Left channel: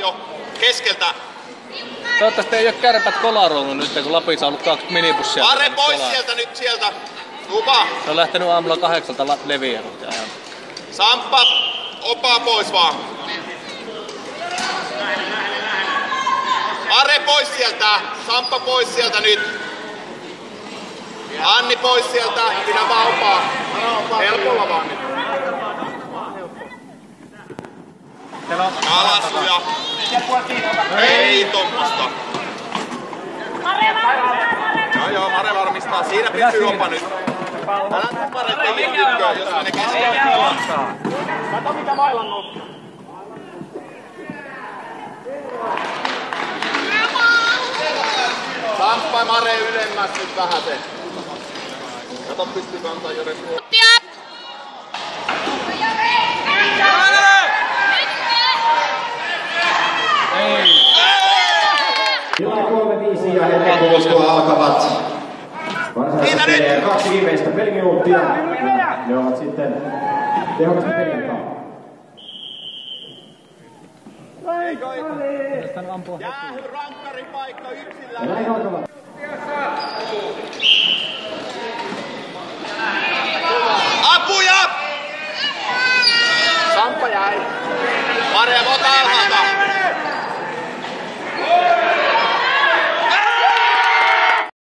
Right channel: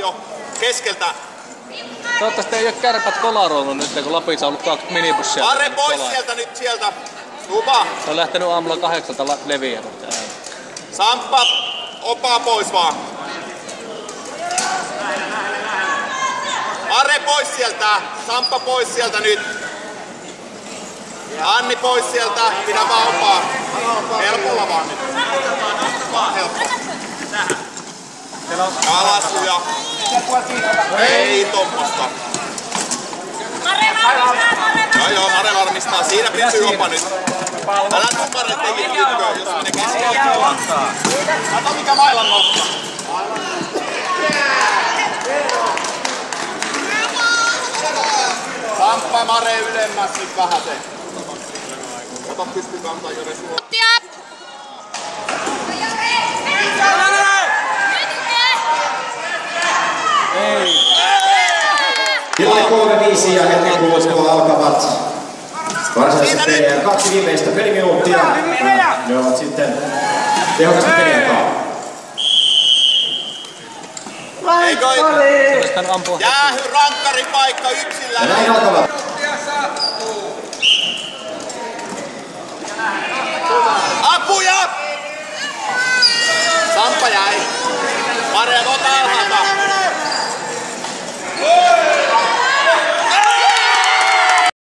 jo keskeltä. Toivottavasti ei oo Kärpät kolaroinut nyt, kun Lapissa on ollut 2 minibussia. Arre pois sieltä nyt sieltä. Lupa. Se on lähtenyt aamulla 8 leviänyt. Samppa, opaa pois vaan. Arre pois sieltä. Samppa pois sieltä nyt. Anni pois sieltä. Pidä vaan opaa. Helpolla vaan nyt. Alasuja. Ei tommosta. Joo, Mare varmistaa. Siinä pysyy opa nyt. Älä nukkare tekin lykköön, jos menee keskellä. Kato mikä mailan nostaa. Samppa Mare ylemmäs nyt vähäsen. Kato pystyy kantaa juuri suoraan. Tilanne 3-5 ja hetken kuluttua alkavat varsinaiset pelejä. 2 viimeistä peliminuuttia. Ne ovat sitten tehokasta peliaikaa. Jäähy rankkaripaikka yksillä. Ja näin alkavat.